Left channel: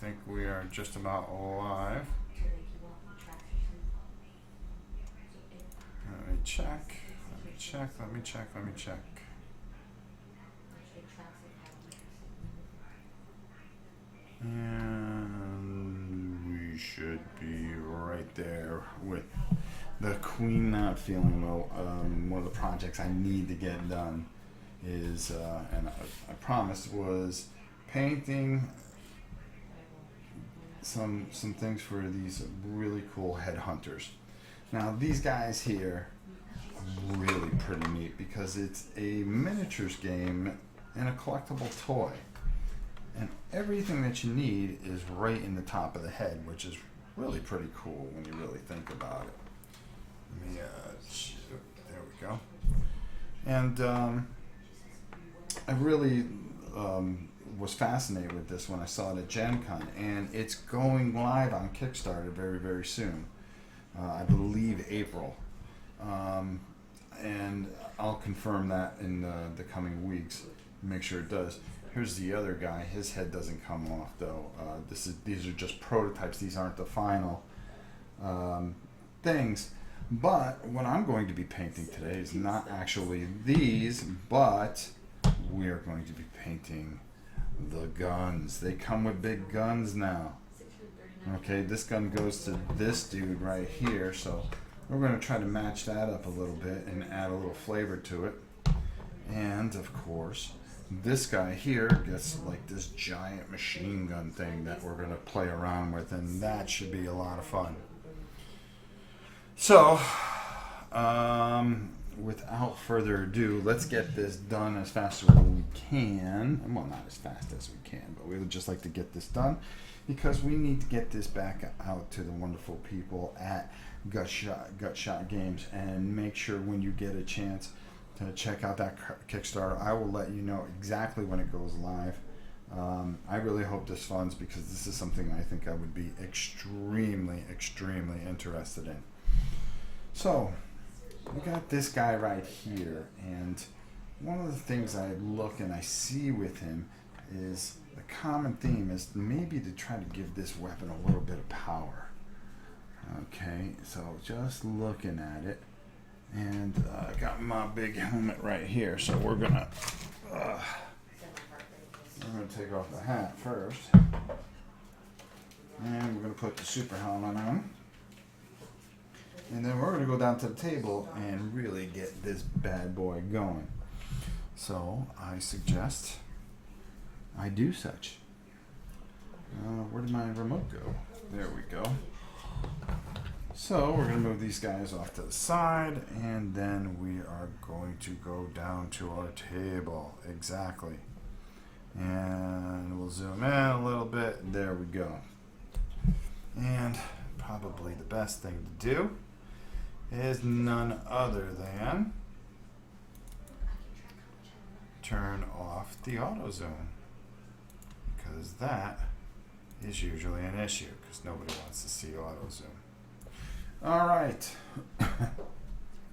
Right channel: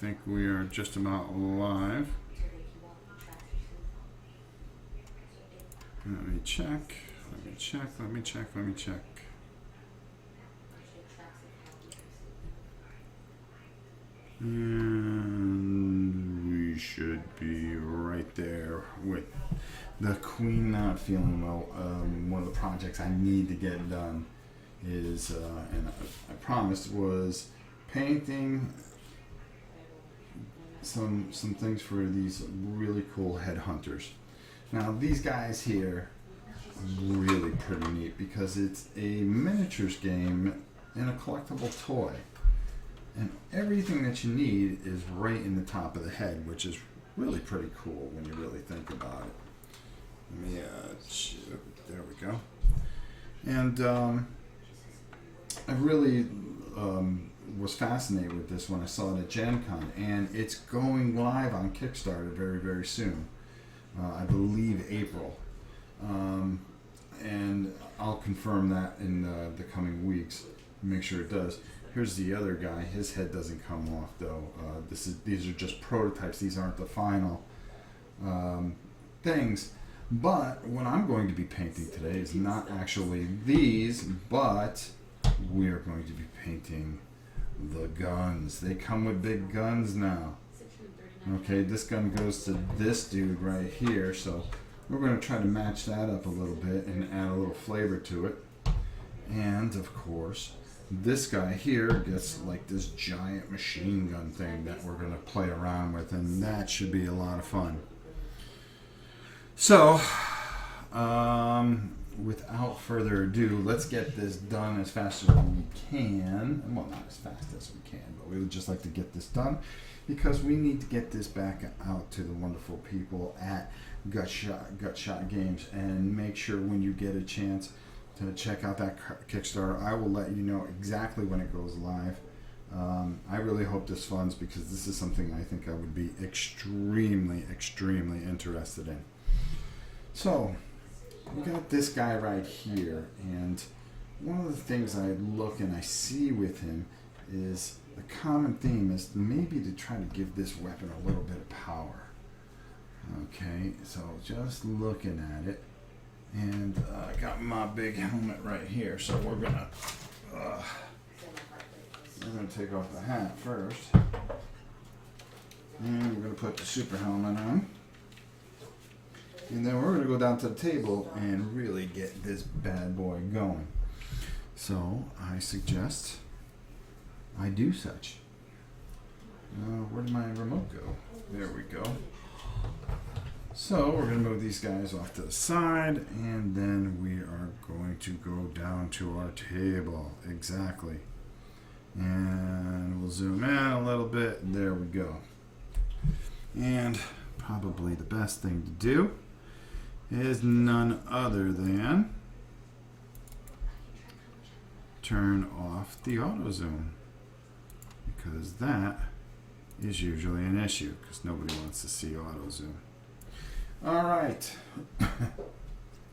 think we are just about live. Let me check. Let me check. Let me check. Let me check. And we should be right there with the Queen not feeling well. One of the projects I need to get done is, and I promised, was painting some things for these really cool headhunters. Now these guys here are really pretty neat because it's a miniatures game and a collectible toy. And everything that you need is right in the top of the head, which is really pretty cool when you really think about it. Let me, there we go. And I really was fascinated with this when I saw it at Gen Con, and it's going live on Kickstarter very, very soon. I believe April. And I'll confirm that in the coming weeks, make sure it does. Here's the other guy. His head doesn't come off though. These are just prototypes. These aren't the final things. But what I'm going to be painting today is not actually these, but we are going to be painting the guns. They come with big guns now. Okay, this gun goes to this dude right here, so we're going to try to match that up a little bit and add a little flavor to it. And of course, this guy here gets like this giant machine gun thing that we're going to play around with, and that should be a lot of fun. So, without further ado, let's get this done as fast as we can. Well, not as fast as we can, but we would just like to get this done because we need to get this back out to the wonderful people at Gutshot Games, and make sure when you get a chance to check out that Kickstarter. I will let you know exactly when it goes live. I really hope this funds, because this is something I think I would be extremely, extremely interested in. So, we got this guy right here, and one of the things I look and I see with him is the common theme is maybe to try to give this weapon a little bit of power. Okay, so just looking at it, and I got my big helmet right here, so we're gonna take off the hat first, and we're gonna put the super helmet on, and then we're gonna go down to the table and really get this bad boy going. So I suggest I do such. Where did my remote go? There we go. So we're going to move these guys off to the side, and then we are going to go down to our table. Exactly. And we'll zoom in a little bit. There we go. And probably the best thing to do is none other than turn off the auto zoom, because that is usually an issue because nobody wants to see auto zoom. All right.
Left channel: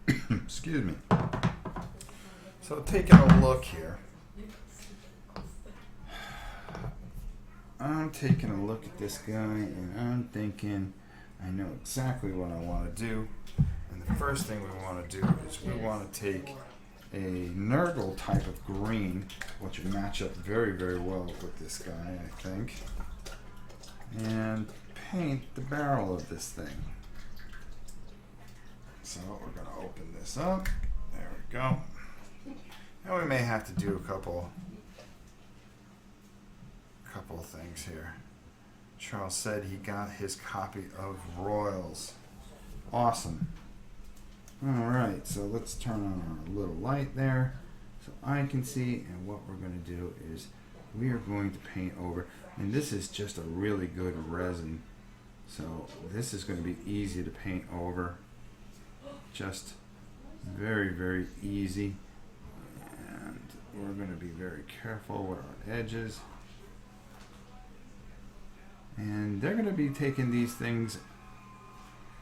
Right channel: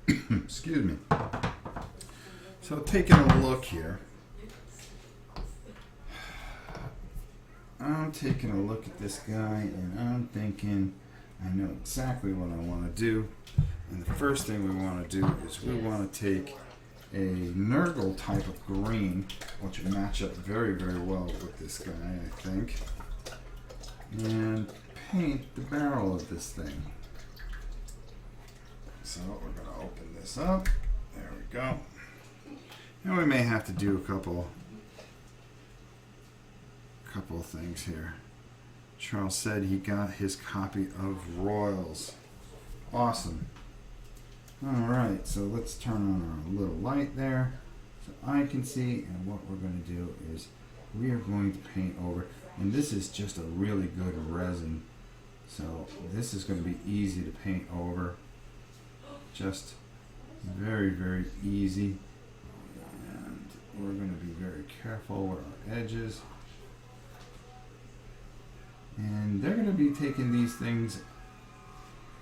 Excuse me. So taking a look here, I'm taking a look at this guy and I'm thinking I know exactly what I want to do. And the first thing we want to do is we want to take a Nurgle type of green, which would match up very, very well with this guy, I think, and paint the barrel of this thing. So we're going to open this up. There we go. And we may have to do a couple of things here. Charles said he got his copy of Royals. Awesome. Alright, so let's turn on our little light there so I can see, and what we're going to do is we are going to paint over, and this is just a really good resin, so this is going to be easy to paint over. Just very, very easy, and we're going to be very careful with our edges, and they're going to be taking these things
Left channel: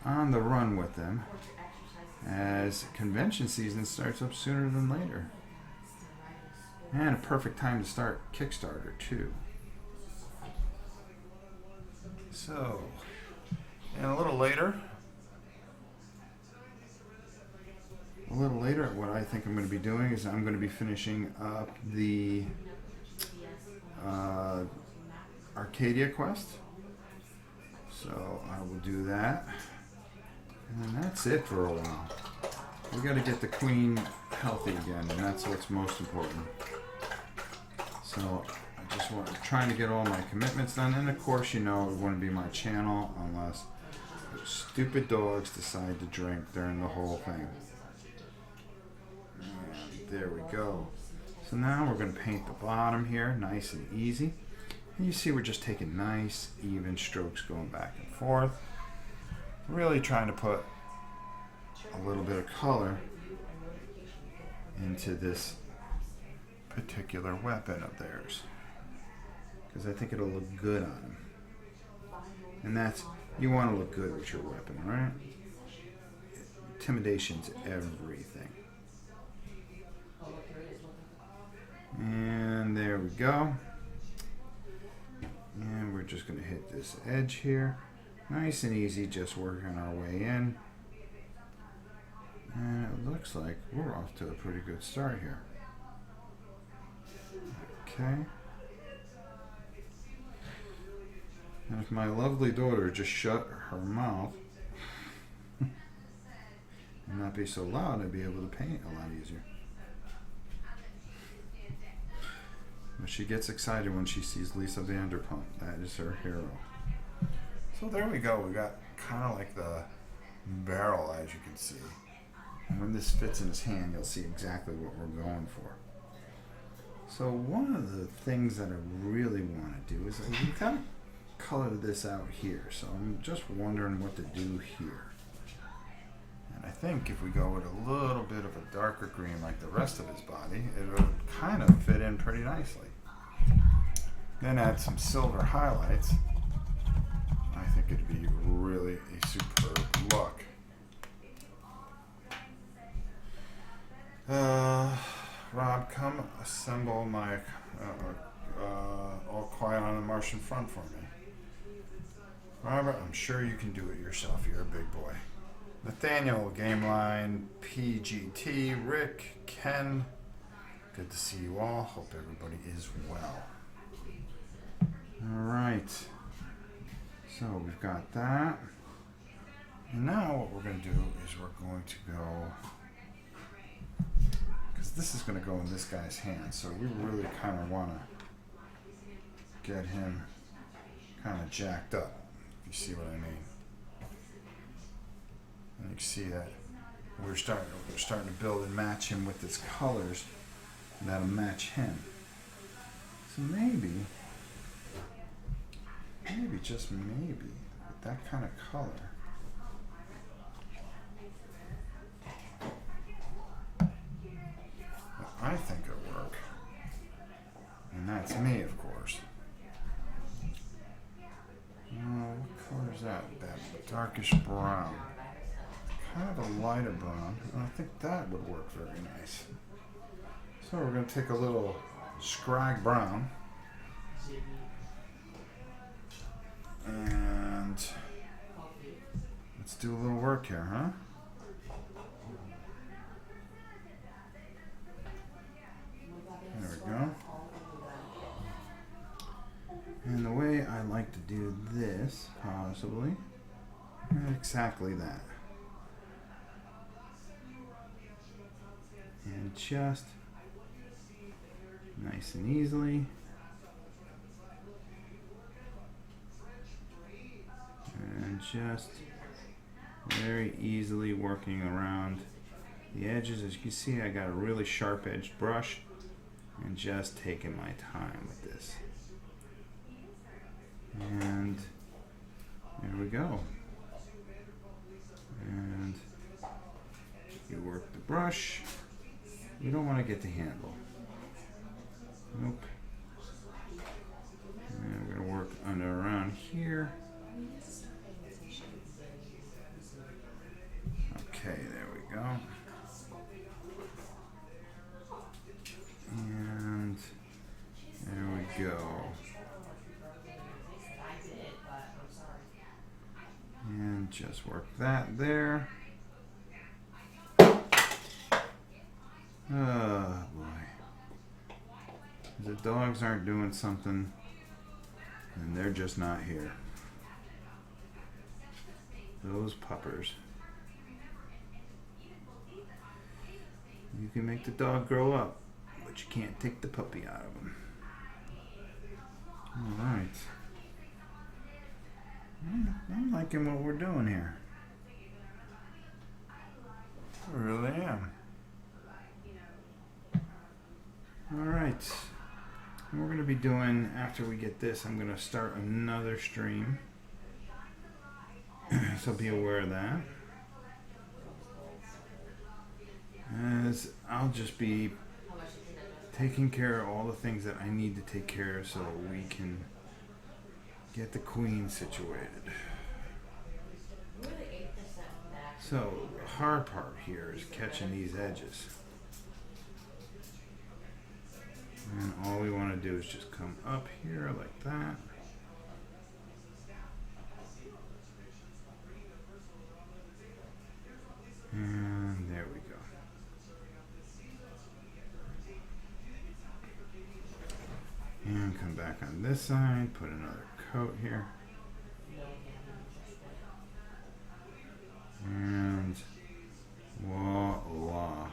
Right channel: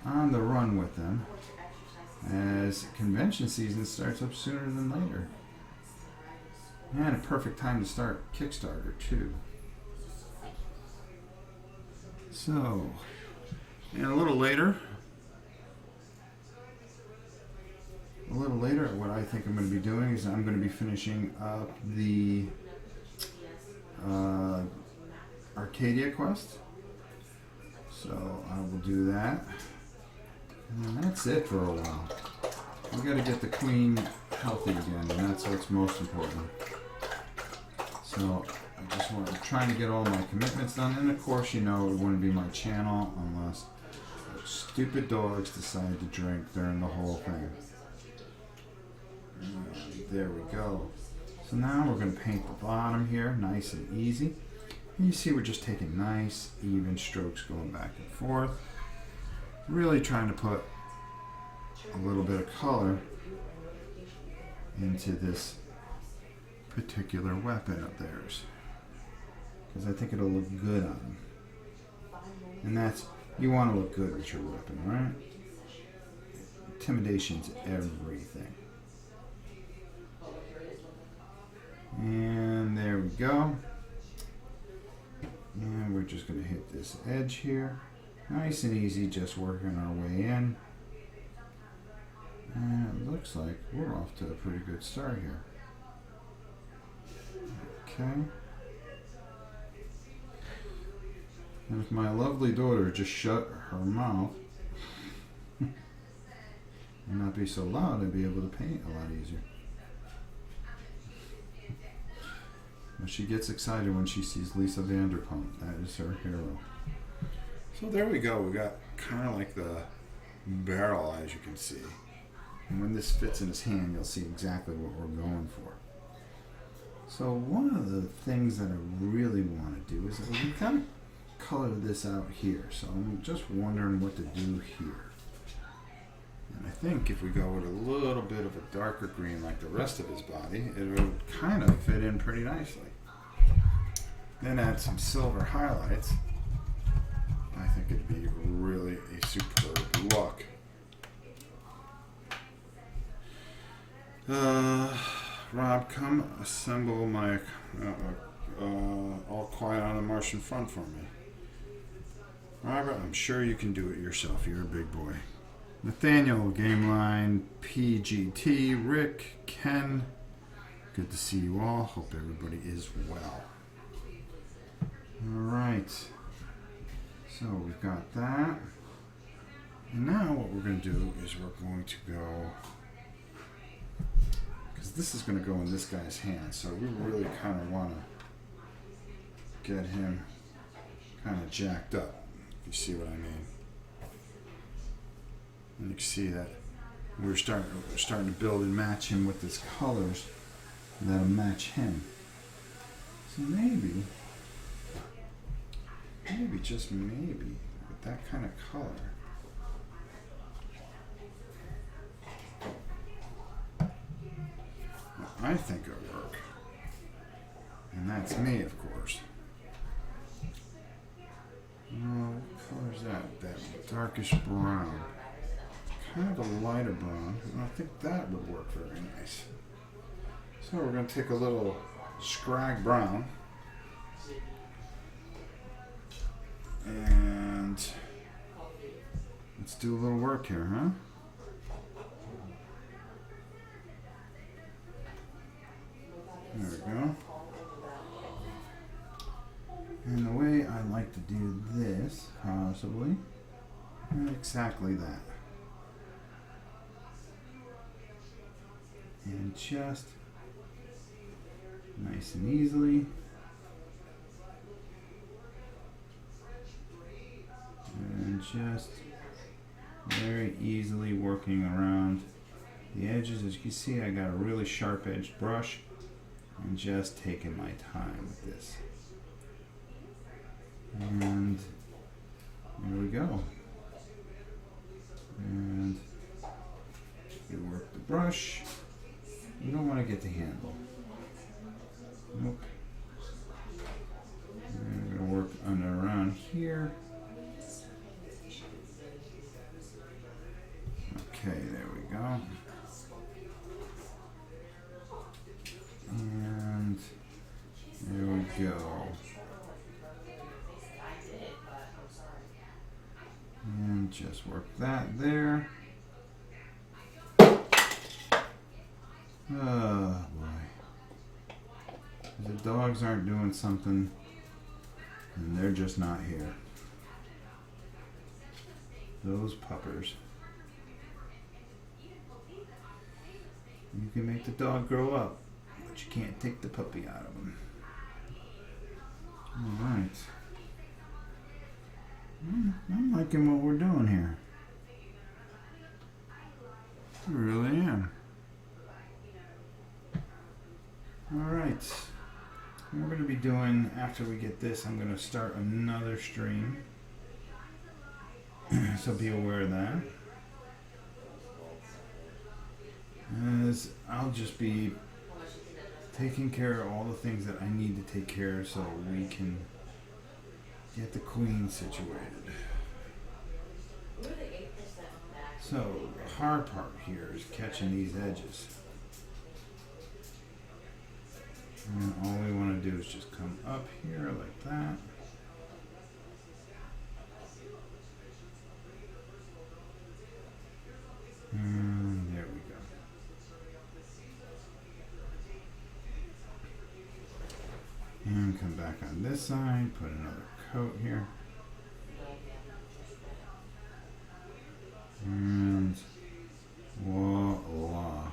on the run with them as convention season starts up sooner than later, and a perfect time to start Kickstarter too. So, and a little later, what I think I'm going to be doing is I'm going to be finishing up the Arcadia quest. So I will do that. And that's it for a while. We got to get the queen healthy again, and that's what's most important. So I just want to trying to get all my commitments done, and of course, you know, it wouldn't be my channel unless those stupid dogs decide to drink during the whole thing. And there we go. So now we're going to paint the bottom here, nice and easy. And you see we're just taking nice, even strokes going back and forth. Really trying to put a little bit of color into this particular weapon of theirs. Because I think it'll look good on them. And that's, you want to look good with your weapon, right? Intimidation's everything. And there we go. And we're just going to hit this edge here. Nice and easy, just working our way in. And it looks like we're off to a pretty good start here. Okay. And if my lovely daughter just shut her mouth and not be so loud, I'd be able to paint a lot easier. But she gets excited when she sees Lisa Vanderpump. That is her hero. So there we go. We got kind of like the barrel, as you can see. And when this fits in his hand, you'll see exactly what we're going for. So one of the things that I really want to do is we kind of color this out here. So I'm just wondering what to do here. And I think if we go with a little bit of a darker green like the rest of his body, it would kind of fit in pretty nicely. Then add some silver highlights. I think it'd be really a superb look. Rob, come assemble my All Quiet on the Martian Front for me. Robert, I'm sure you can do it yourself. You're a big boy. Nathaniel, Game Line, PGT, Rick, Ken. Good to see you all. Hope everybody is well. Alright. So we've got that. And now what we're going to do is we're going to go, because this is going to go in this guy's hand, so we really kind of want to get him kind of jacked up, if you see what I mean. And you can see that we're starting to build and match him with his colors that'll match him. So maybe, just maybe, with that kind of color, I think it'll work. And that's me, of course. What color is that? That darkish brown. Kind of a lighter brown. And I think that would work very nice. So we're going to take a little scrag brown. And let's do a little work here, huh? There we go. And the way I like to do this, possibly, exactly that. And just nice and easily. And just very easily working around the edges. As you can see, I got a really sharp edged brush and just taking my time with this. And there we go. And you work the brush. You don't want to get the handle. Nope. And I'm going to work under around here. Okay, there we go. And there we go. just work that there. Oh boy. The dogs aren't doing something and they're just not here. Those puppers. You can make the dog grow up, but you can't take the puppy out of him. Alright. I'm liking what we're doing here. I really am. Alright. We're going to be doing, after we get this, I'm going to start another stream. So be aware of that. As I'll just be taking care of all the things that I need to take care of so we can get the queen situated. So the hard part here is catching these edges. And all we want to do is just come up here like that. And there we go. And come back on this side, put another coat here. And voila.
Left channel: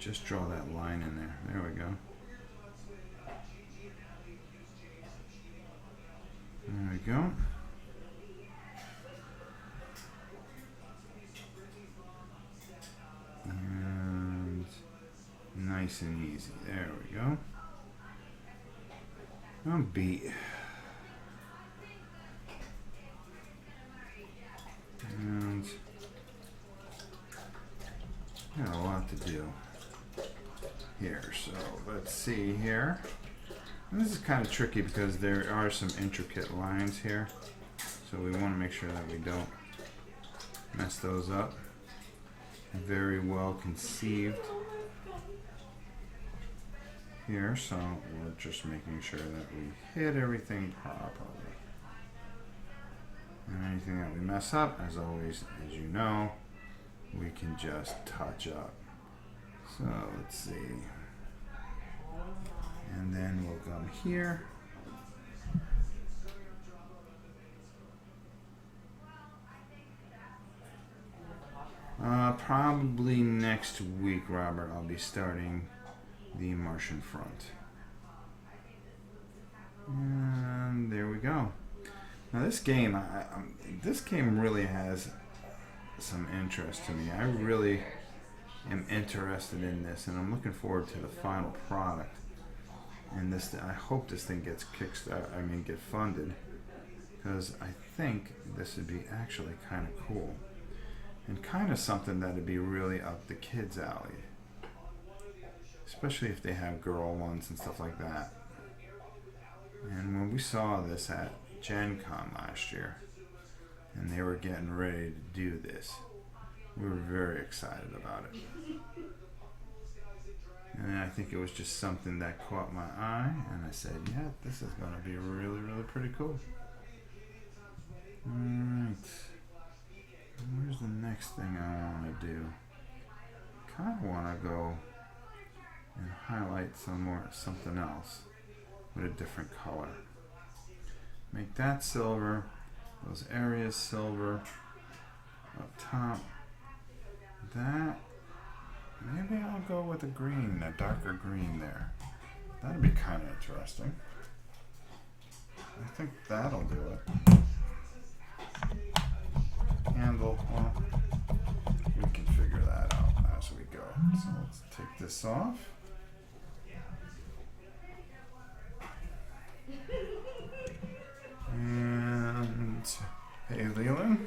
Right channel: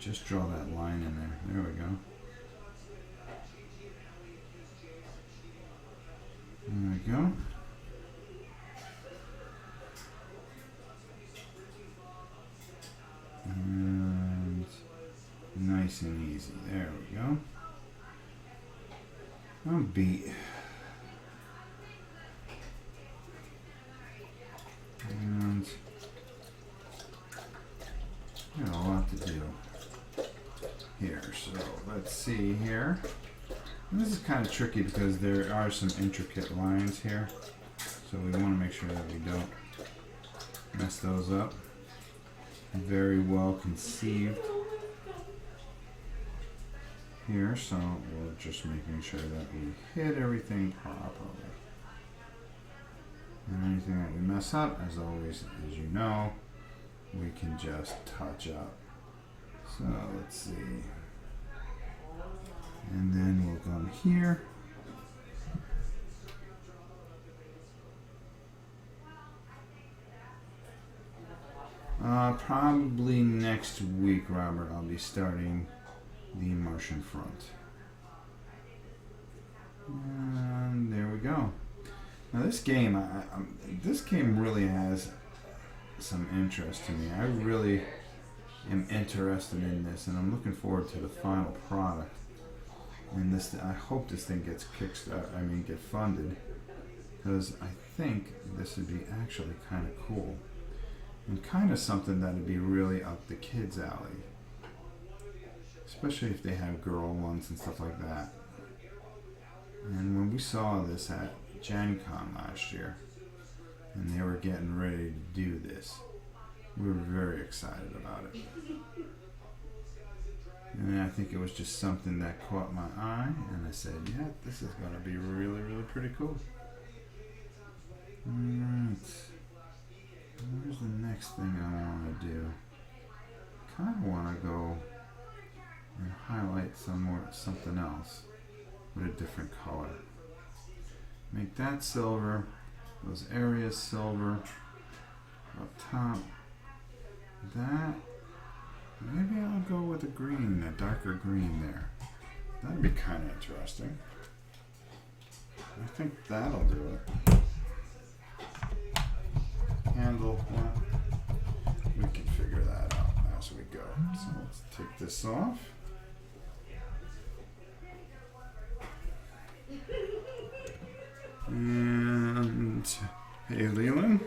Just draw that line in there. There we go. There we go. And nice and easy. There we go. I'm beat. And got a lot to do here. So let's see here. And this is kind of tricky because there are some intricate lines here. So we want to make sure that we don't mess those up. Very well conceived here, so we're just making sure that we hit everything properly. And anything that we mess up, as always, as you know, we can just touch up. So let's see. And then we'll go here. Probably next week, Robert, I'll be starting the Martian Front. And there we go. Now this game, this game really has some interest to me. I really am interested in this, and I'm looking forward to the final product. And this, I hope this thing gets get funded, because I think this would be actually kind of cool. And kind of something that would be really up the kids' alley. Especially if they have girl ones and stuff like that. And when we saw this at Gen Con last year, and they were getting ready to do this, we were very excited about it. And I think it was just something that caught my eye, and I said, yeah, this is going to be really, really pretty cool. Alright. Where's the next thing I want to do? Kind of want to go and highlight something else with a different color. Make that silver, those areas silver, up top. That, maybe I'll go with a green, a darker green there. That'd be kind of interesting. I think that'll do it. Handle, well, we can figure that out as we go. So let's take this off. And hey, Leland.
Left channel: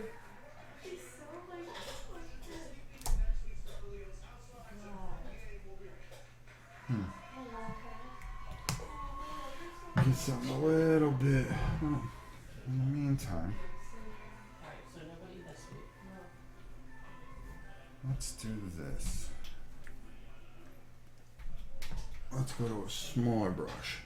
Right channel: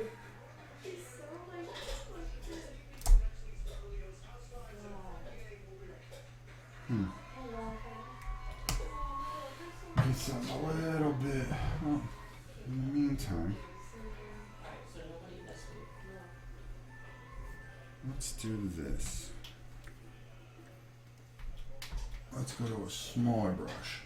It's a little bit. Well, in the meantime, let's do this. Let's go to a smaller brush.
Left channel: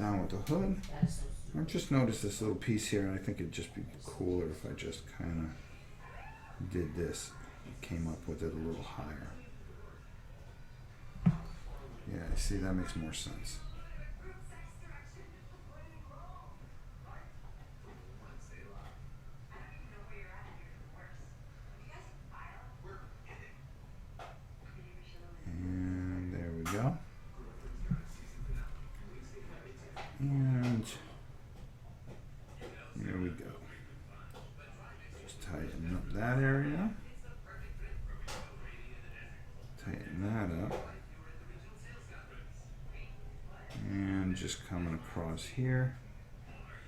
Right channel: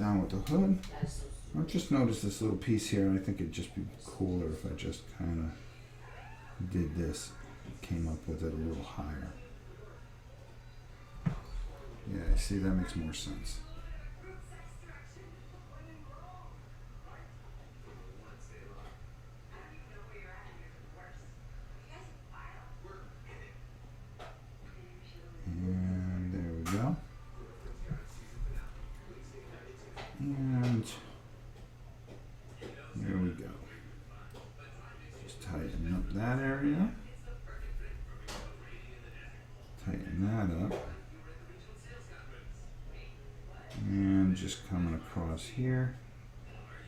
down with the hood. That is so I stupid. just noticed this little piece here, and I think it'd just be cooler if I just kind of did this, came up with it a little higher. Yeah, I see, that makes more sense. And there we go. And there we go. Just tighten up that area. Tighten that up. And just coming across here,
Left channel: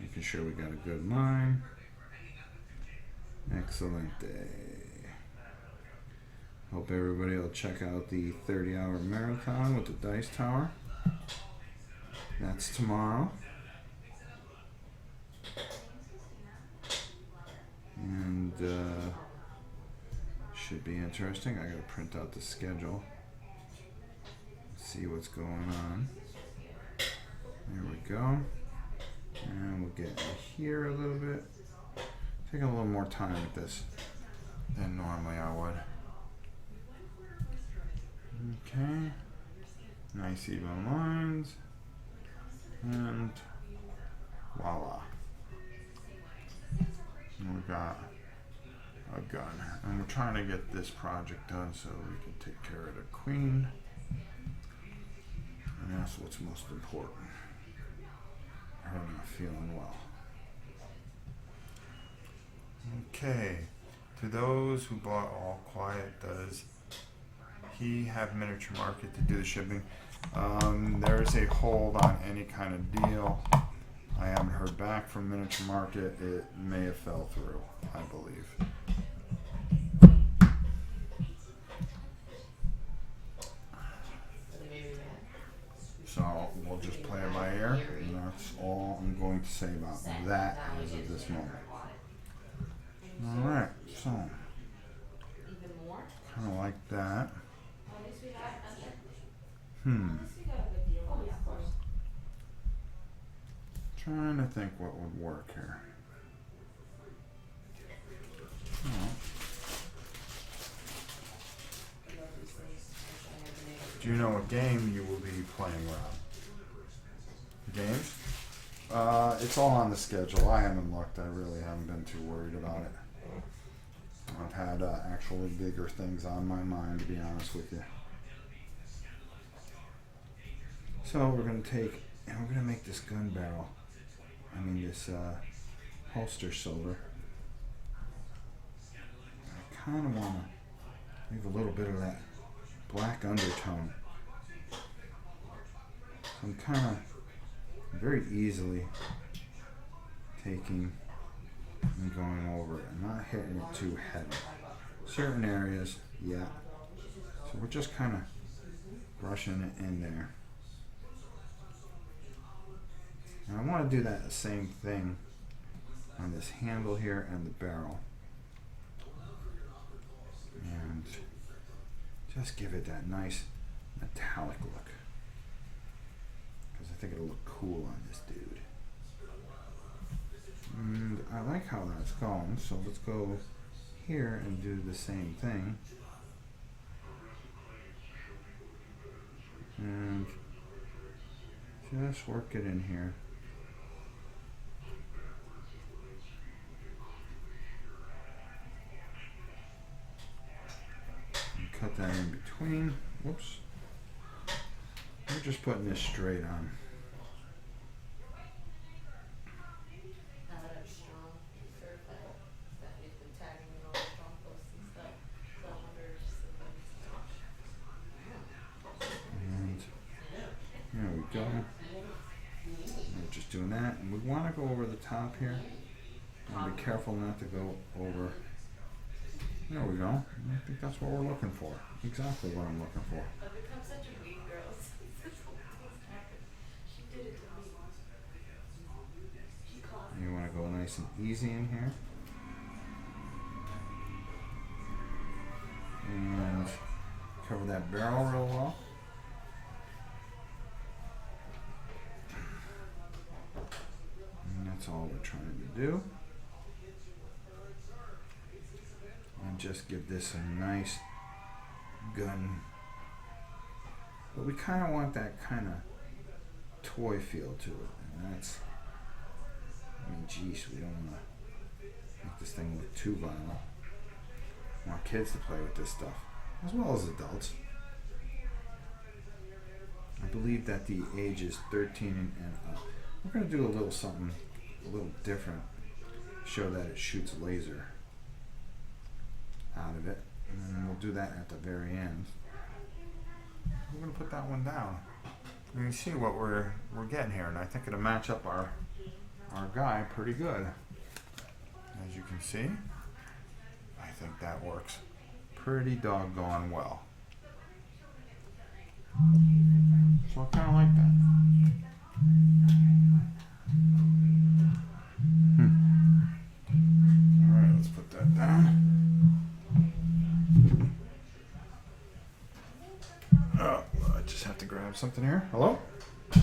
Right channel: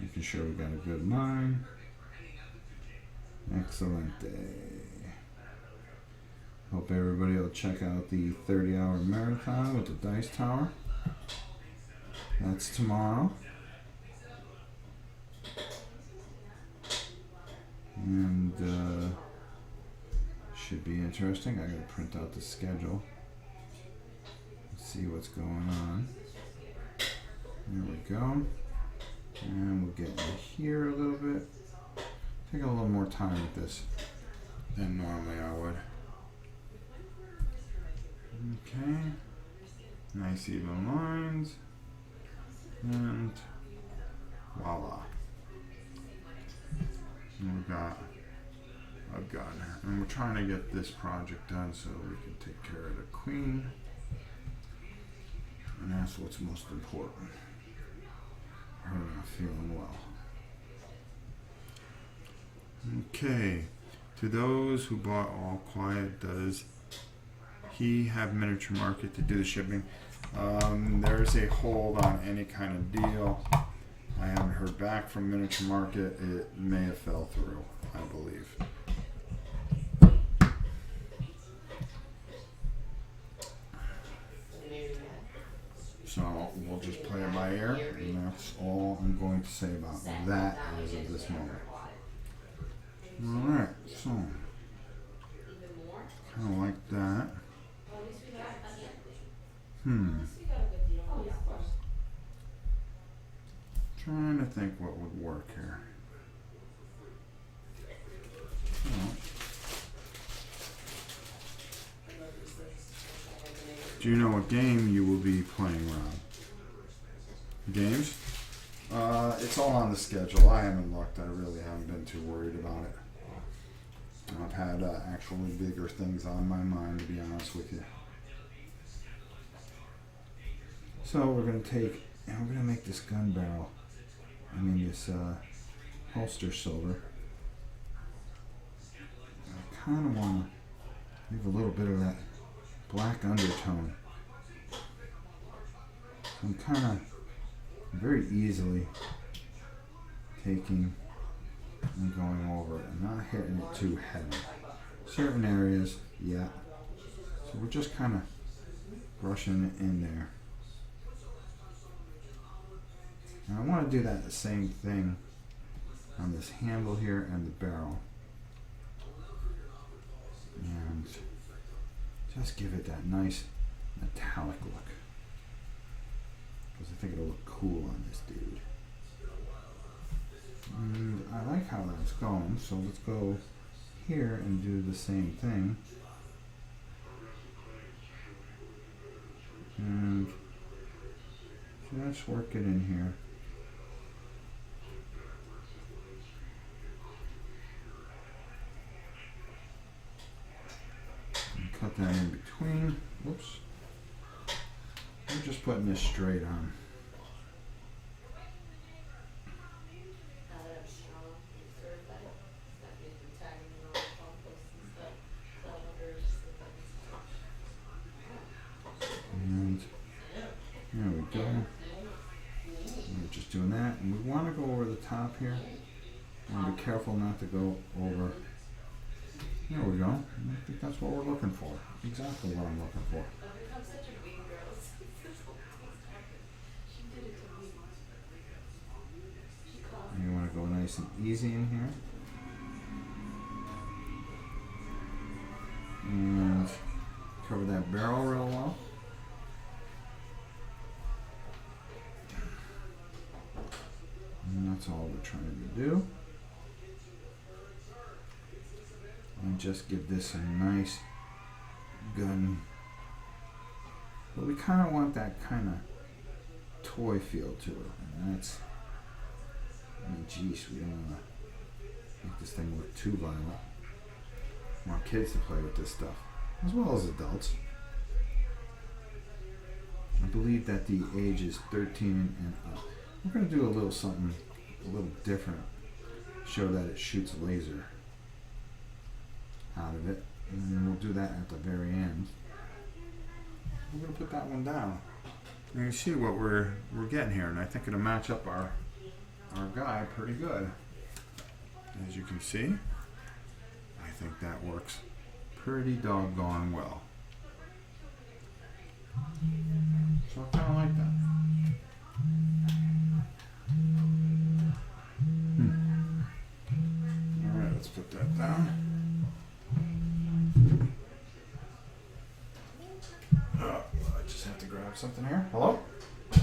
making sure we got a good line. Excellent day. Hope everybody will check out the 30-hour marathon with the Dice Tower. That's tomorrow. And should be interesting. I gotta print out the schedule. See what's going on. There we go. And we'll get into here a little bit. Taking a little more time with this than normally I would. Okay. Nice even lines. And voila. And we got a gun. And we're trying to get this project done so we can take care of the queen. And that's what's most important. Her not feeling well. Okay. To those who bought All Quiet, does he have Miniature Market to do the shipping? There's a hold on any kind of deal. I haven't heard back from Miniature Market. It may have fell through, I believe. So we'll just play it by ear, and that's all I'm going to say about that as of this moment. Alright, so kind of like that. Trying to think what would work here. Do you know what game you will be playing around? Games? It's all on the schedule. I haven't looked. I really haven't been too worried about it. I've had actually bigger things on my mind, to be honest with you. So we're going to take, and we're going to make this gun barrel. This holster shoulder. I kind of want to leave a little bit of that black undertone. I'm kind of very easily taking and going over it and not hitting it too heavy. Certain areas, yeah. So we're just kind of brushing it in there. And I want to do that same thing on this handle here and the barrel. And just give it that nice metallic look. Because I think it'll look cool on this dude. And I like how that's going, so let's go here and do the same thing. And just work it in here. Cut that in between. Whoops. I'm just putting this straight on. Now that I'm strong, certified, Stephanie's been tagging me in all the strong posts and stuff. So I wonder if she's like, And there we go. We're just doing that. And we want to go over the top here. And be careful not to go over. There we go. I think that's what we're looking for. Exactly what I'm looking for. I've become such a weak girl since this whole thing's happened. She did it to me. She caused And you want to go nice and easy in here. And cover that barrel real well. do. And just give this a nice gun. But we kind of want that kind of toy feel to it. And that's, geez, we don't want to make this thing look too violent. We want kids to play with this stuff, as well as adults. I believe that the age is 13 and up. We're going to do a little something a little different. Show that it shoots laser out of it. And then we'll do that at the very end. We're going to put that one down. You can see what we're getting here, and I think it'll match up our guy pretty good. As you can see, I think that works pretty doggone well. So I kind of like that. Alright, let's put that down. Oh, I just have to grab something here. Hello? Thought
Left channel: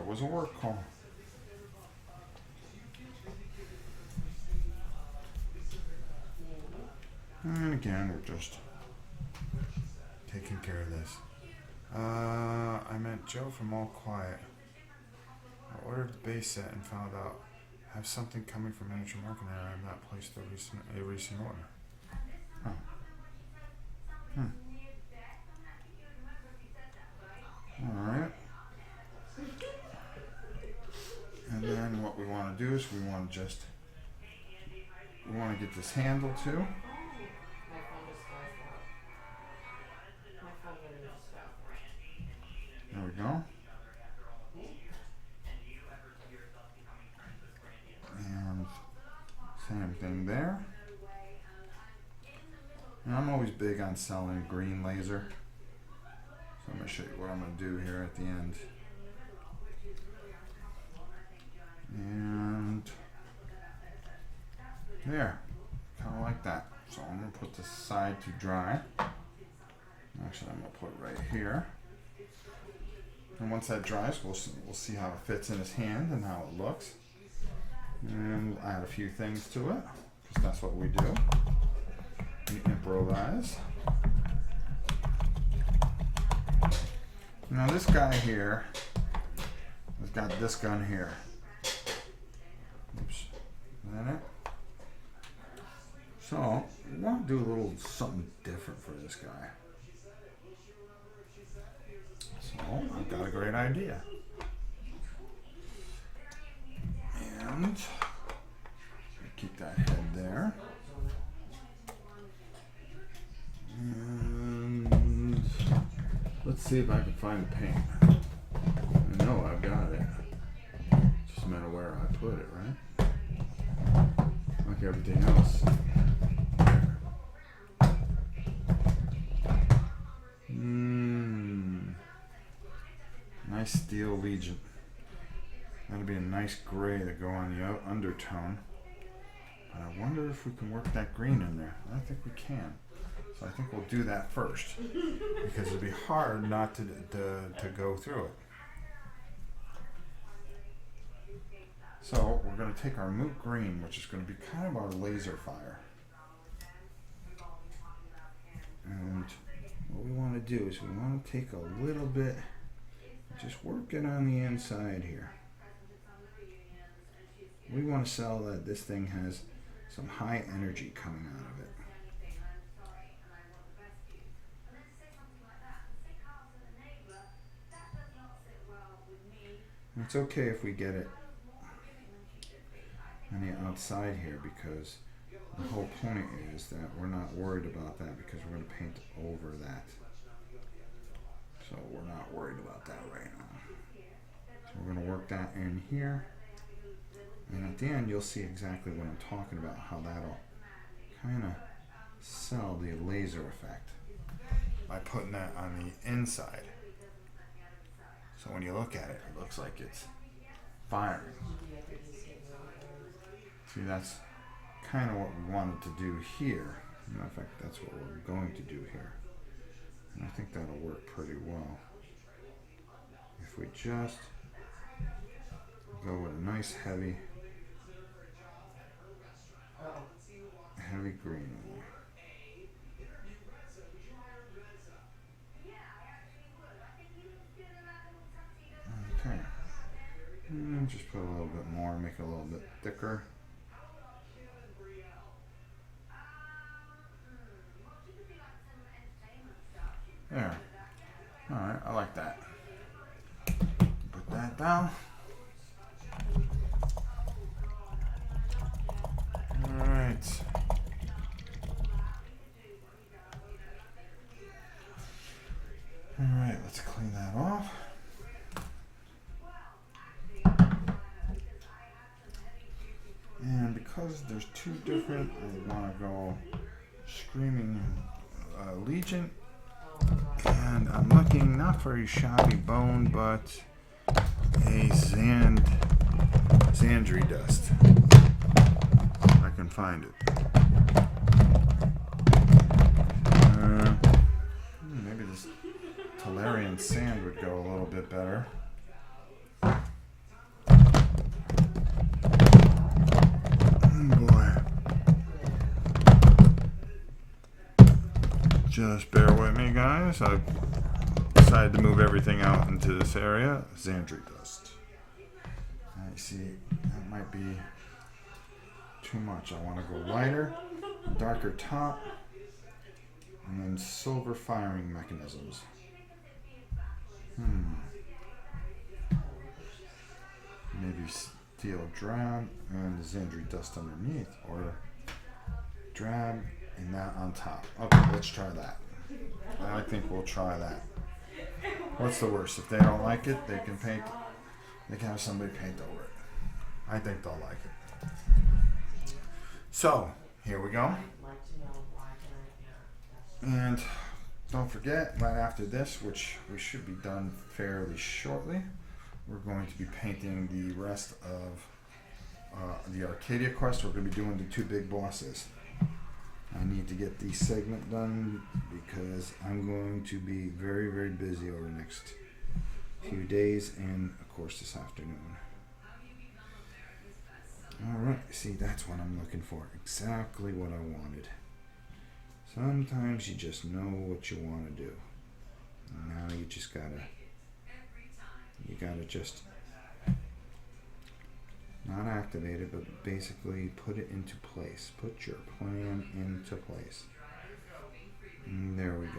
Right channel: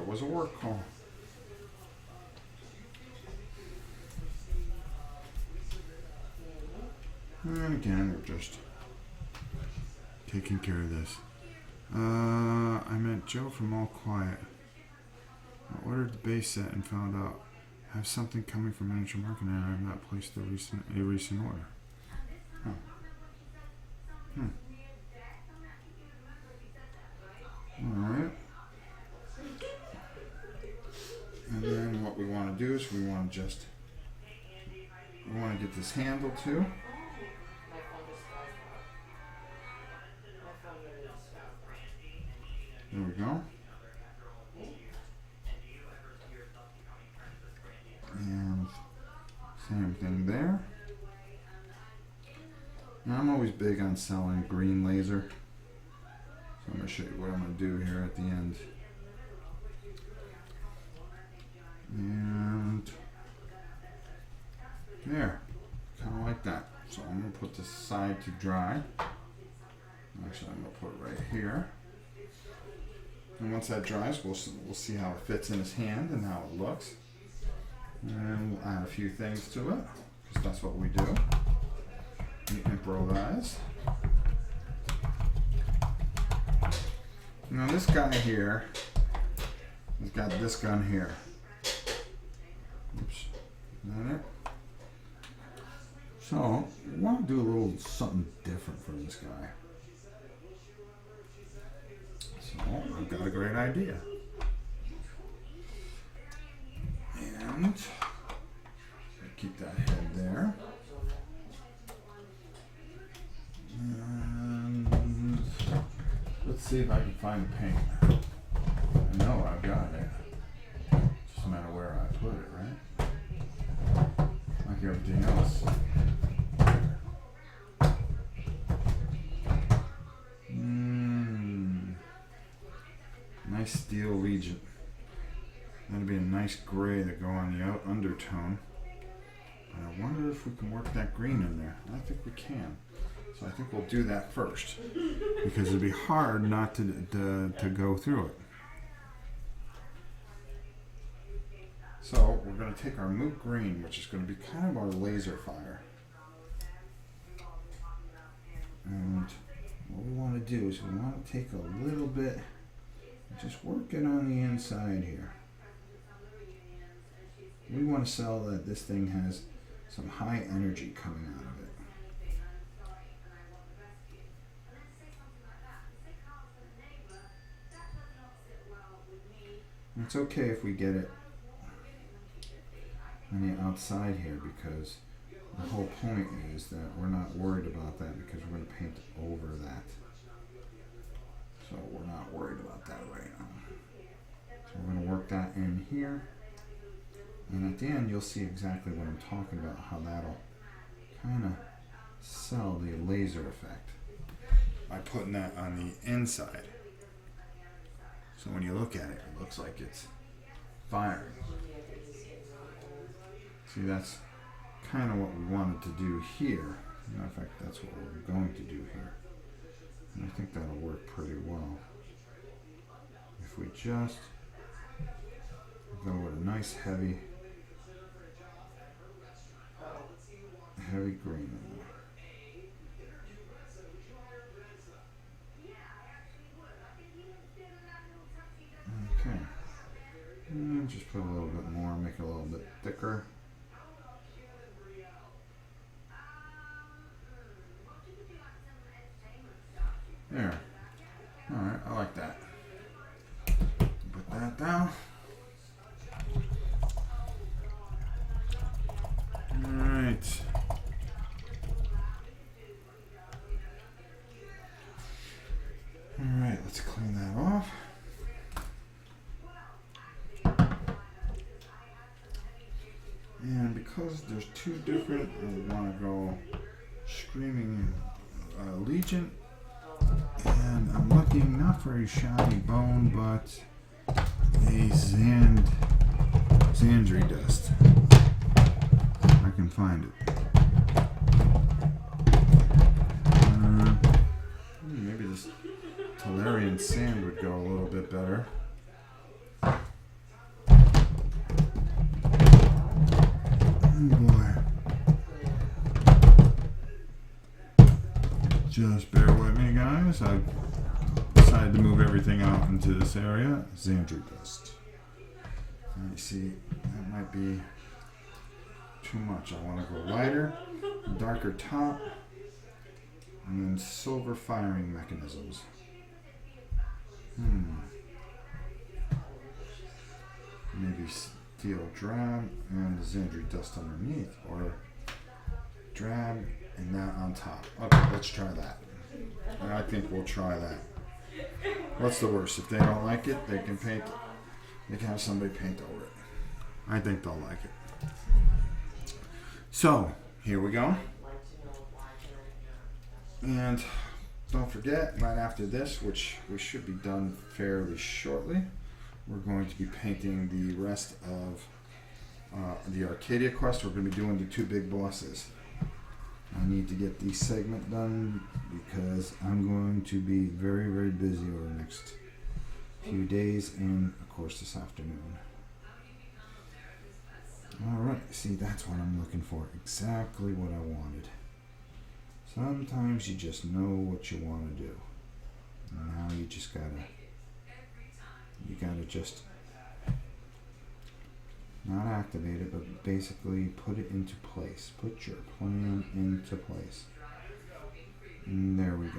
it was a work call. And again, we're just taking care of this. I meant Joe from All Quiet. I ordered the base set and found out I have something coming from miniature marketing and I have not placed a recent order. Oh. Alright. And then what we want to do is we want to get this handle too. My phone just died out. My phone literally just died. There we go. And same thing there. Now I'm always big on selling green laser. So I'm going to show you what I'm going to do here at the end. And there. Kind of like that. So I'm going to put this aside to dry. Actually, I'm going to put it right here. And once that dries, we'll see how it fits in his hand and how it looks. And we'll add a few things to it, because that's what we do. We improvise. Now this guy here has got this gun here. Oops. Is that it? So, we want to do a little something different for this guy. So, I've got a great idea. And keep that head there. And let's see if I can find the paint. I know I've got it. Just a matter where I put it, right? Like everything else. Nice steel region. That'll be a nice gray to go on the undertone. But I wonder if we can work that green in there. I think we can. So I think we'll do that first. Because it'd be hard not to go through it. So we're going to take our Moot Green, which is going to be kind of our laser fire. And what we want to do is we want to take a little bit, just work it on the inside here. We want to sell that this thing has some high energy coming out of it. It's okay if we get it on the outside here, because the whole point is that we're not worried about that because we're going to paint over that. So we're not worried about that right now. So we're going to work that in here. And at the end you'll see exactly what I'm talking about, how that'll kind of sell the laser effect by putting that on the inside. So when you look at it, it looks like it's fire. See, that's kind of what we wanted to do here. In fact, that's what we're going to do here. And I think that'll work pretty well. If we just nice heavy Oh, green in there. Okay. Just put a little bit more, make it a little bit thicker. There. Alright, I like that. Put that down. Alright. Alright, let's clean that off. And because there's two different, I want to go Screaming Legion. And I'm looking not for a shoddy bone, but a Xandri dust. If I can find it. Maybe this Tolarian sand would go a little bit better. Just bear with me, guys. I decided to move everything out into this area. Xandri dust. I see that might be too much. I want to go lighter, darker top, and then silver firing mechanisms. Maybe steel drab and the Xandri dust underneath, or drab and that on top. Okay, let's try that. I think we'll try that. What's the worst? If they don't like it, they can paint. They can have somebody paint over it. I think they'll like it. So here we go. And don't forget, right after this, which we should be done fairly shortly, we're going to be painting the rest of the Arcadia quest. We're going to be doing the two big bosses. I need to get the segment done because I'm going to be very, very busy over the next few days and, of course, this afternoon. Alright, see, that's what I'm looking for. Exactly what I wanted. Sometimes you just know what you want to do. And now you just gotta just not activate it, but basically put it into place. Put your plan into place. And there we go.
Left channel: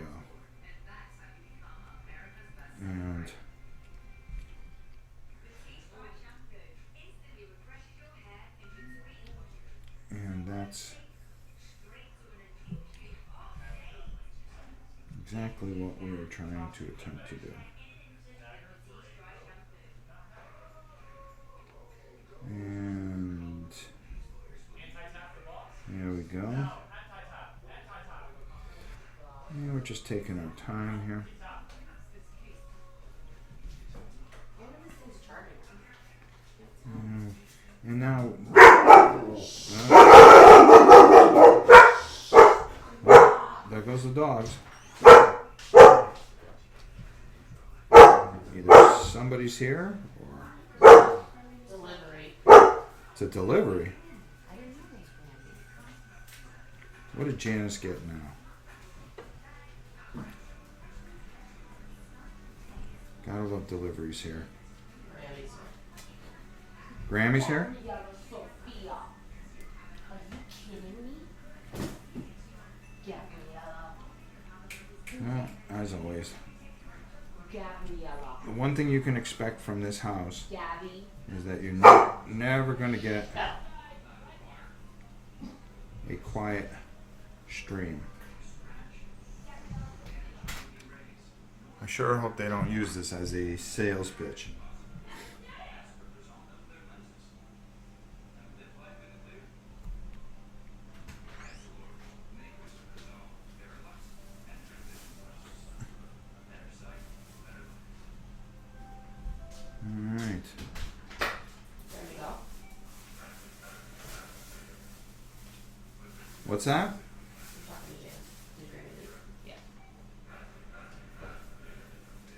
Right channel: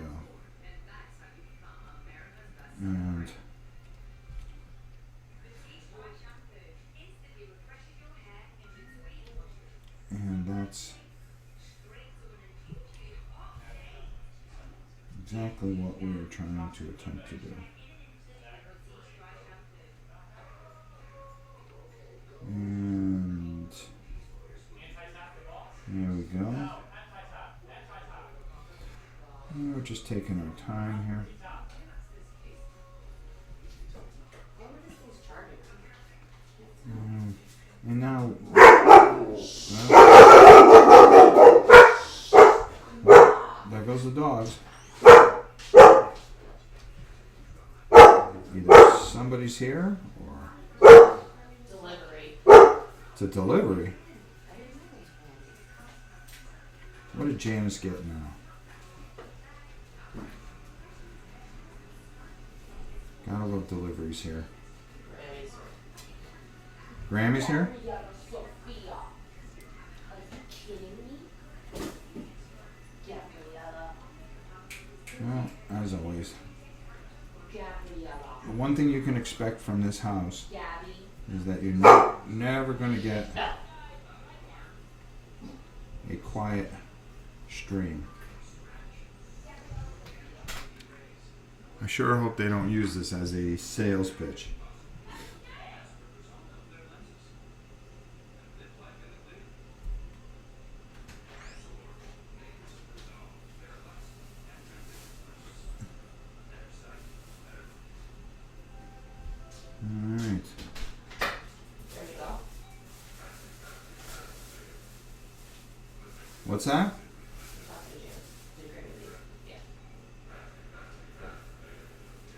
And that's exactly what we were trying to attempt to do. And there we go. And we're just taking our time here. And now, there goes the dogs. Either somebody's here or delivery. it's a delivery. What did Janice get now? Gotta love deliveries here. Grammy's here? Sophia. Are you kidding me? Gabriella. Well, as always. Gabriella. The one thing you can expect from this house Gabby. is that you're never going to get a quiet stream. I sure hope they don't use this as a sales pitch. Alright. There we go. What's that? Yeah.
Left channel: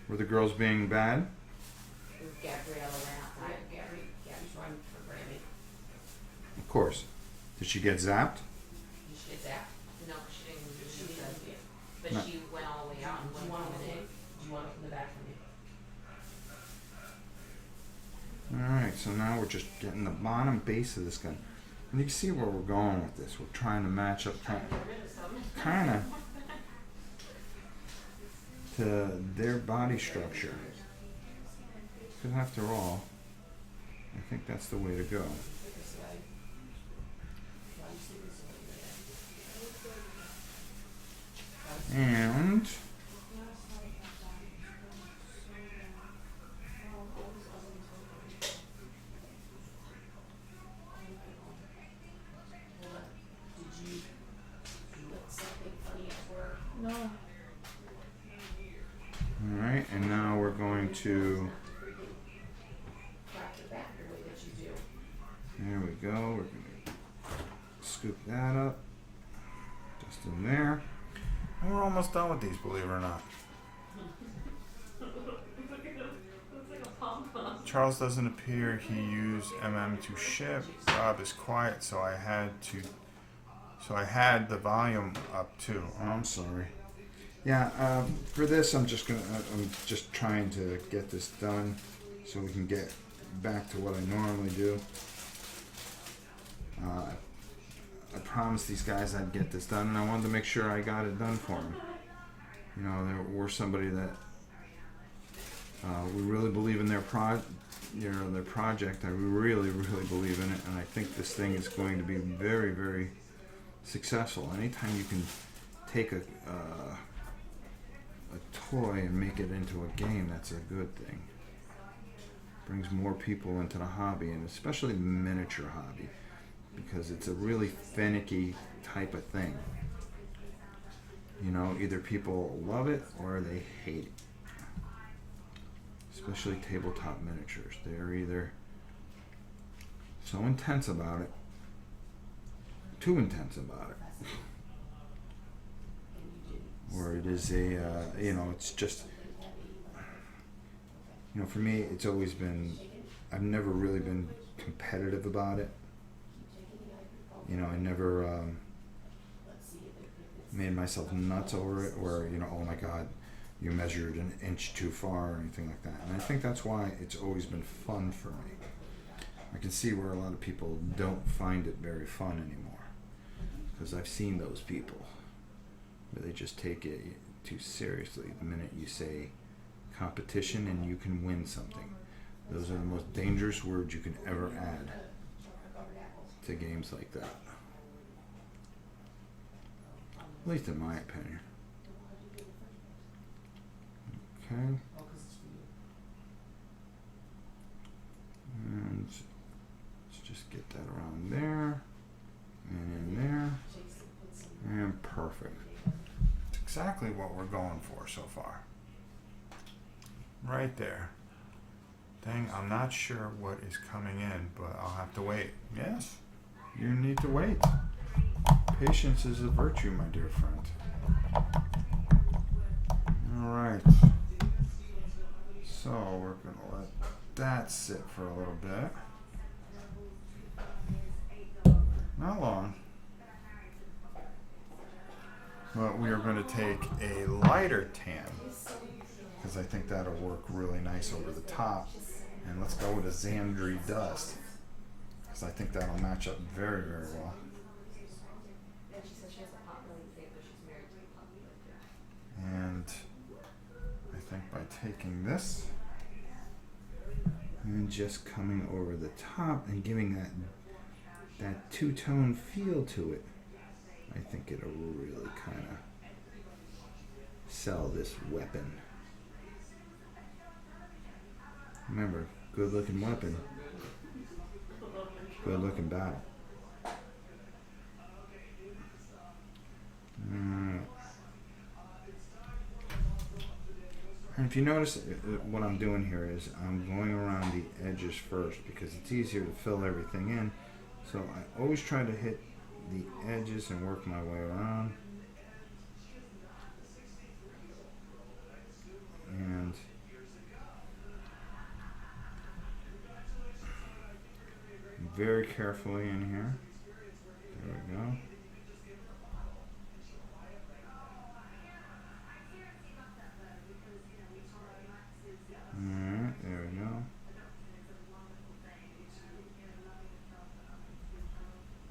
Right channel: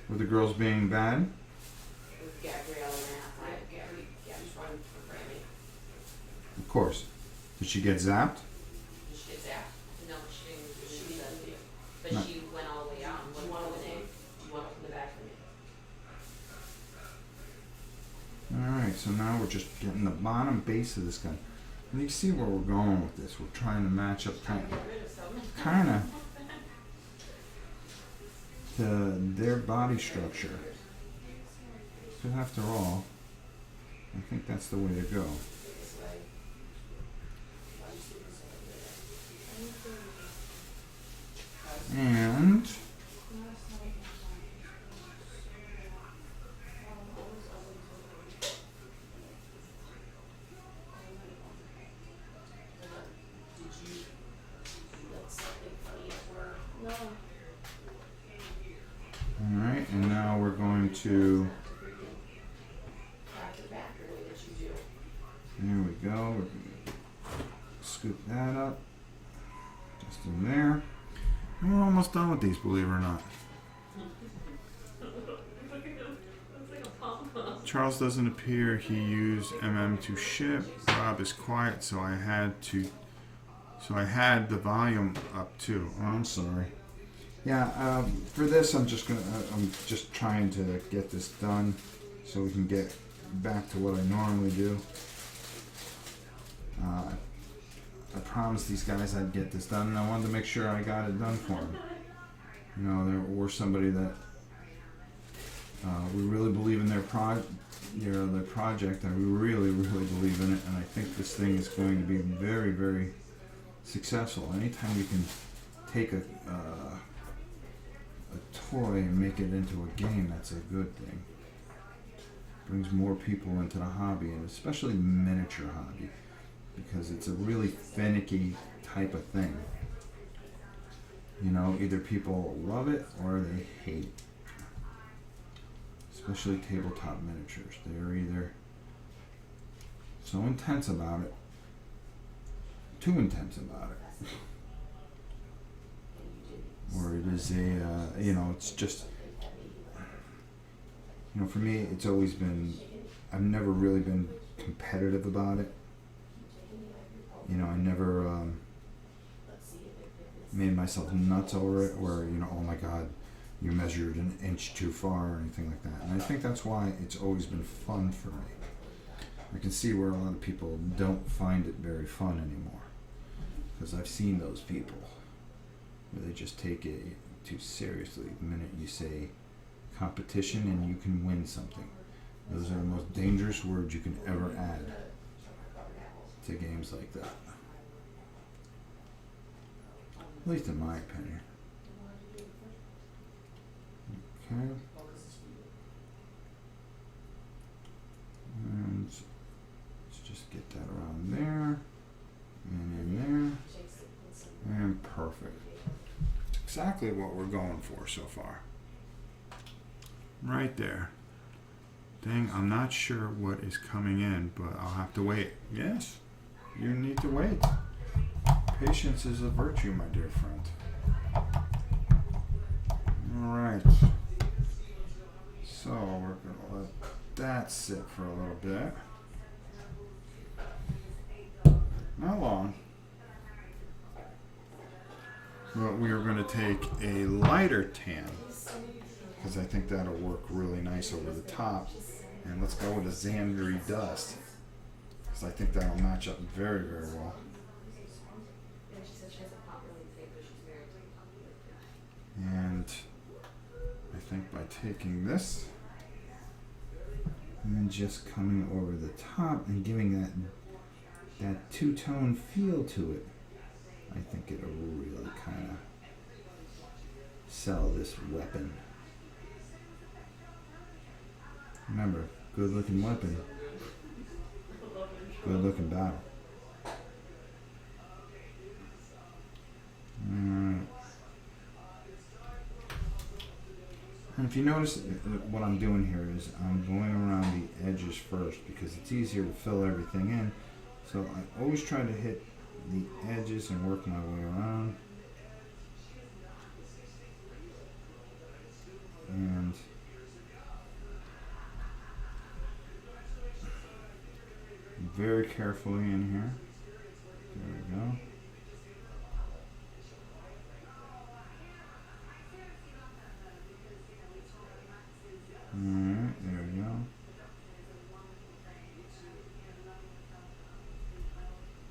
Were the girls being bad? It was Gabriella ran outside. Gabby's running for Grammy. Of course. Did she get zapped? Did she get zapped? No, she didn't do She any of didn't that. get. But No. she went all the way out and Do went you want from to the open name. it? Do you want to open the back for me? Alright, so now we're just getting the bottom base of this guy. And you see where we're going with this. We're trying to match up Trying to get rid of some. kinda to their body structure. But after all, I think that's the way to go. This way. Why you sit this way there? And Did you look something funny at work? No. alright, and now we're going to Crack the back the way that you do. here we go. We're gonna scoop that up. Just in there. And we're almost done with these, believe it or not. Look at him. Looks like a pom-pom. Charles doesn't appear. He used to ship. Rob is quiet, so I had the volume up too. Oh, I'm sorry. Yeah, for this, I'm just trying to get this done so we can get back to what I normally do. I promised these guys I'd get this done, and I wanted to make sure I got it done for them. You know, we're somebody that we really believe in their project. I really, really believe in it, and I think this thing is going to be very, very successful. Anytime you can take a toy and make it into a game, that's a good thing. Brings more people into the hobby, and especially the miniature hobby, because it's a really finicky type of thing. You know, either people love it or they hate it. Especially tabletop miniatures. They're either so intense about it, too intense about it, And you didn't. or it is it's just, for me, it's always been, I've never really been competitive about it. I never Let's see if it's. made myself nuts over it, where, oh my God, you measured an inch too far or anything like that. And I think that's why it's always been fun for me. I can see where a lot of people don't find it very fun anymore, because I've seen those people where they just take it too seriously the minute you say competition and you can win something. Those are the most dangerous words you can ever add to games like that. At least in my opinion. Okay. Oh, 'cause it's for you. And let's just get that around there. And in there. Shakes it, puts some. And perfect. It's exactly what we're going for so far. Right there. Dang, I'm not sure what is coming in, but I'll have to wait. Yes, you need to wait. Patience is a virtue, my dear friend. Alright. So we're gonna let that sit for a little bit. Not long. But we are going to take a lighter tan, because I think that'll work really nice over the top. And let's go with a Zandri dust, because I think that'll match up very, very well. And she said she has a pot really big, but she's married to a popular guy. And I think by taking this and then just coming over the top and giving that two-tone feel to it, I think it'll really kind of sell this weapon. Remember, good looking weapon, good looking battle. And if you notice, what I'm doing here is I'm going around the edges first, because it's easier to fill everything in. So I always try to hit the edges and work my way around. And very carefully in here. There we go. Alright, there we go.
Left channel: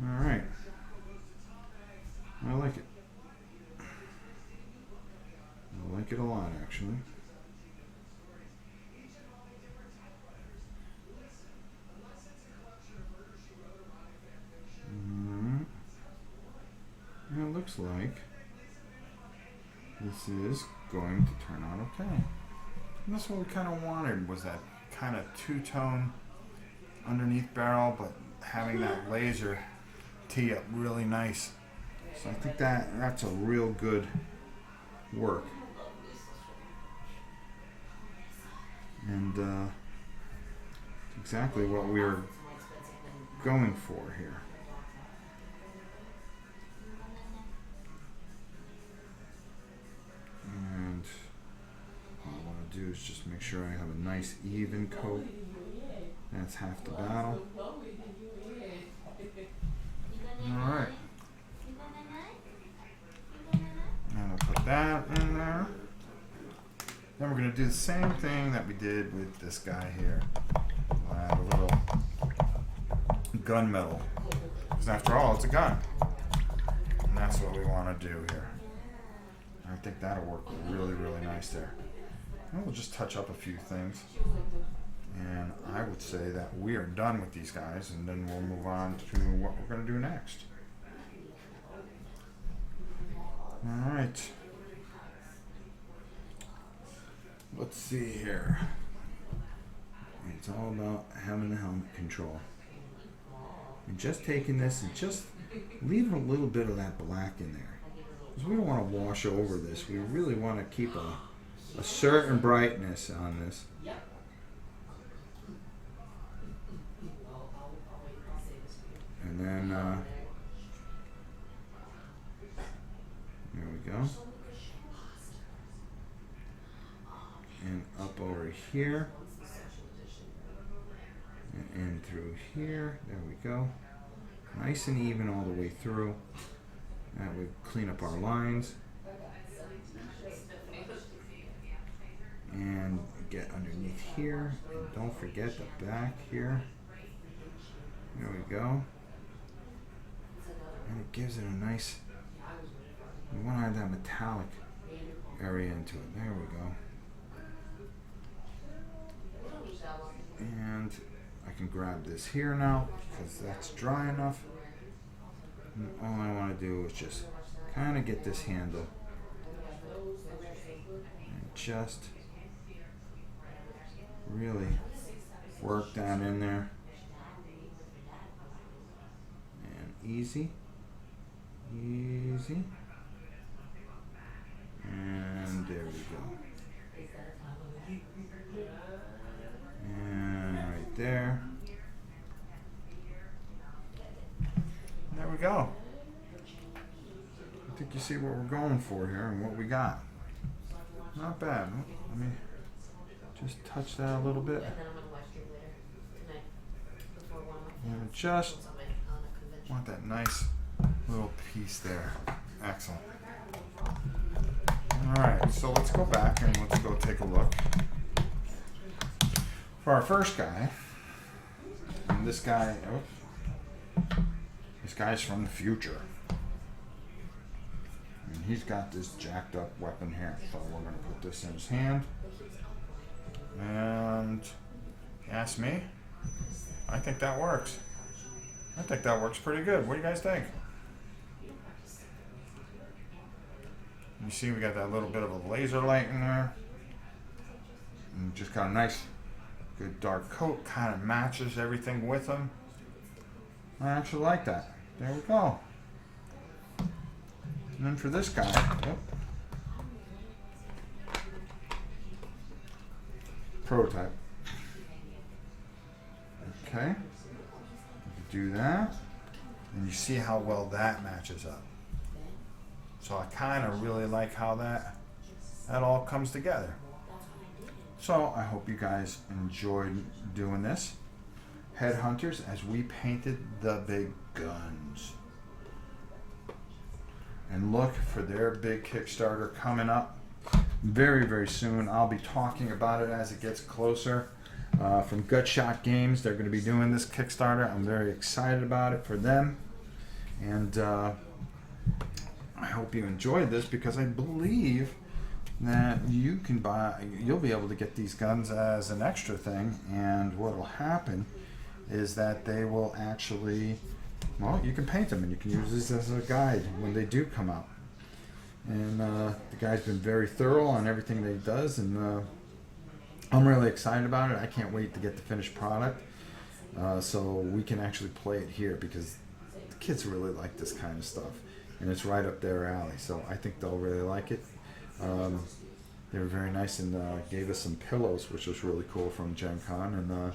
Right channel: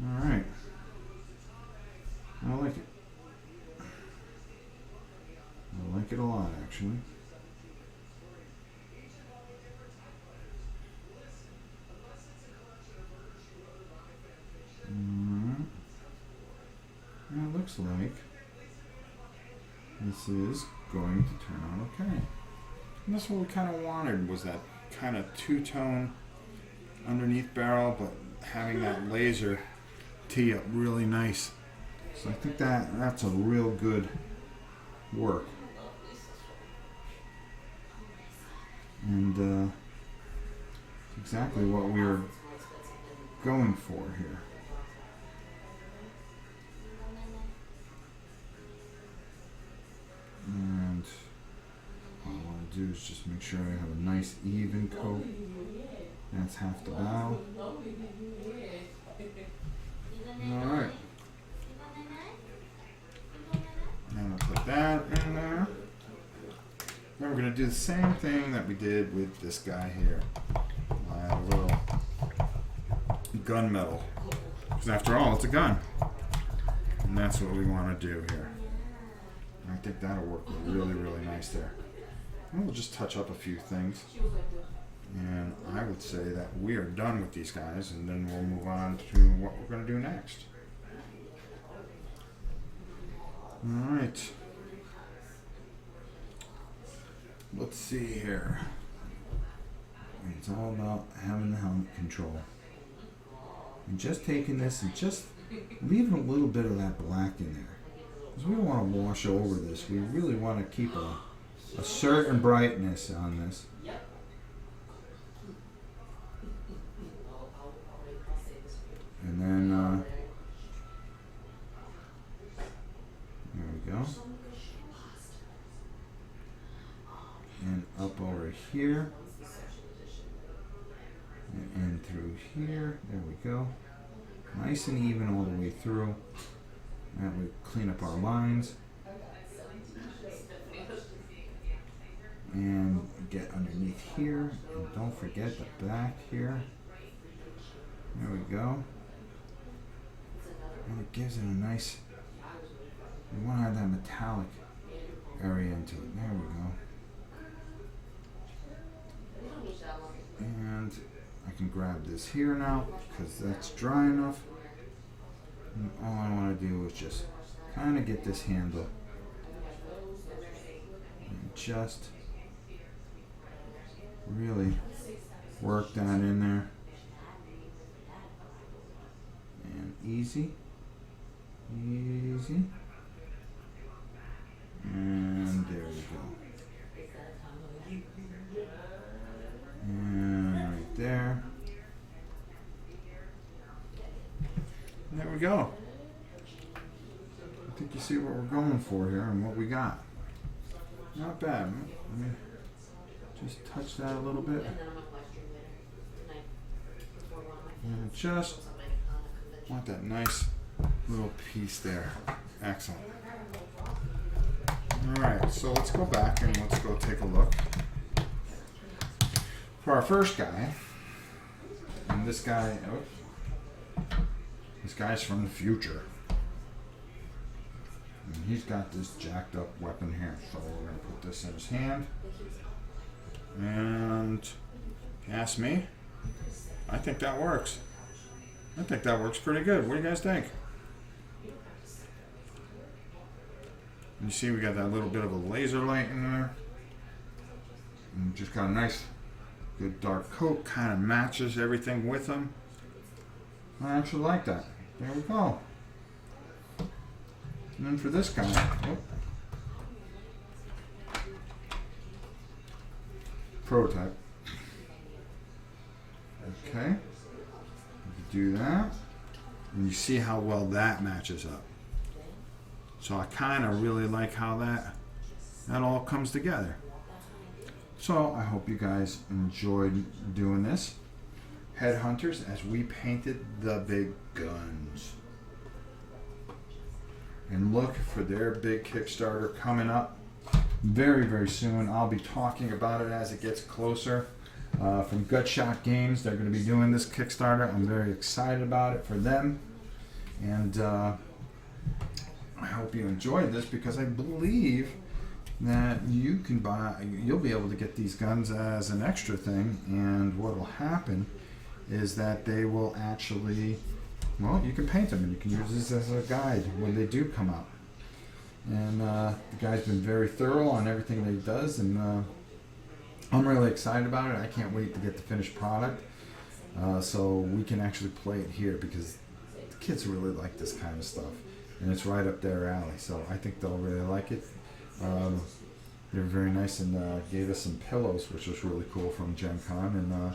Alright. I like it. I like it a lot, actually. Mm-hmm. And it looks like this is going to turn out okay. And that's what we kind of wanted, was that kind of two-tone underneath barrel, but having that laser tee up really nice. So I think that's a real good work. And exactly what we were going for here. And what I want to do is just make sure I have a nice even coat. That's half the bow. Alright. And I'll put that in there. Then we're going to do the same thing that we did with this guy here. Add a little gunmetal. Because after all, it's a gun. And that's what we want to do here. I think that'll work really, really nice there. And we'll just touch up a few things. And I would say that we are done with these guys, and then we'll move on to what we're going to do next. Alright. Let's see here. It's all about having the helmet control. And just taking this and just leaving a little bit of that black in there. Because we don't want to wash over this. We really want to keep a certain brightness on this. And then, there we go. And up over here. And through here. There we go. Nice and even all the way through. And we clean up our lines. And get underneath here. And don't forget the back here. There we go. And it gives it a nice, we want to have that metallic area into it. There we go. And I can grab this here now because that's dry enough. And all I want to do is just kind of get this handle and just really work that in there. And easy. Easy. And there we go. And right there. And there we go. I think you see what we're going for here and what we got. Not bad. Let me just touch that a little bit. And just want that nice little piece there. Excellent. Alright, so let's go back and let's go take a look. For our first guy, and this guy's from the future. And he's got this jacked up weapon here. So we're going to put this in his hand. And if you ask me, I think that works. I think that works pretty good. What do you guys think? You see we got that little bit of a laser light in there. And just got a nice, good dark coat. Kind of matches everything with them. I actually like that. There we go. And then for this guy, prototype. Okay. Do that. And you see how well that matches up. So I kind of really like how that all comes together. So I hope you guys enjoyed doing this. Headhunters as we painted the big guns. And look for their big Kickstarter coming up very, very soon. I'll be talking about it as it gets closer. From Gutshot Games, they're going to be doing this Kickstarter. I'm very excited about it for them. And I hope you enjoyed this because I believe that you'll be able to get these guns as an extra thing. And what will happen is that they will actually, well, you can paint them and you can use this as a guide when they do come out. And the guy's been very thorough on everything that he does, and I'm really excited about it. I can't wait to get the finished product so we can actually play it here because the kids really like this kind of stuff, and it's right up their alley. So I think they'll really like it. They were very nice and gave us some pillows, which was really cool from Gen Con, and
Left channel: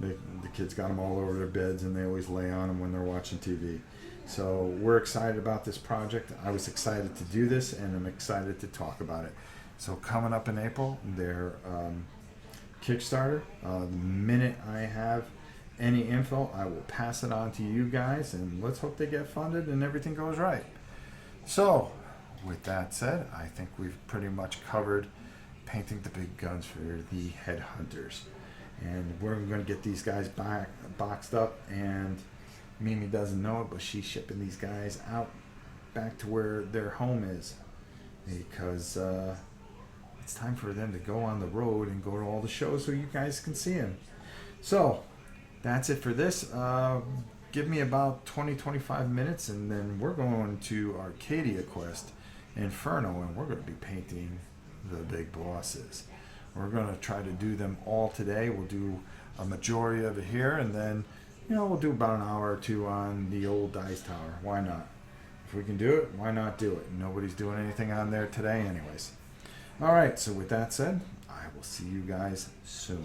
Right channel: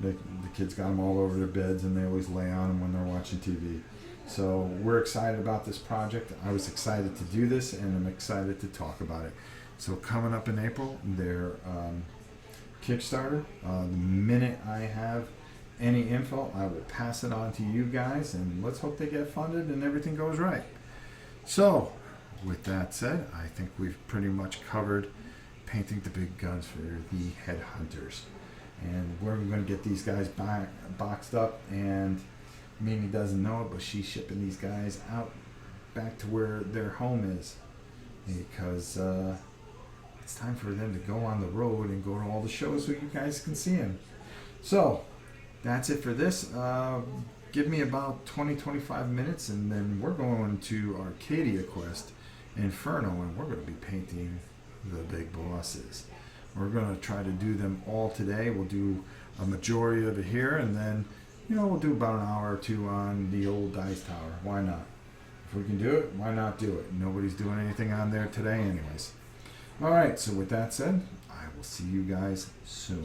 the kids got them all over their beds, and they always lay on them when they're watching TV. So we're excited about this project. I was excited to do this, and I'm excited to talk about it. So coming up in April, their Kickstarter. The minute I have any info, I will pass it on to you guys, and let's hope they get funded and everything goes right. So, with that said, I think we've pretty much covered painting the big guns for the Headhunters. And we're going to get these guys boxed up, and Mimi doesn't know it, but she's shipping these guys out back to where their home is, because it's time for them to go on the road and go to all the shows so you guys can see them. So that's it for this. Give me about 20-25 minutes, and then we're going to Arcadia Quest Inferno, and we're going to be painting the big bosses. We're going to try to do them all today. We'll do a majority of it here, and then we'll do about an hour or two on the old Dice Tower. Why not? If we can do it, why not do it? Nobody's doing anything on there today anyways. Alright, so with that said, I will see you guys soon.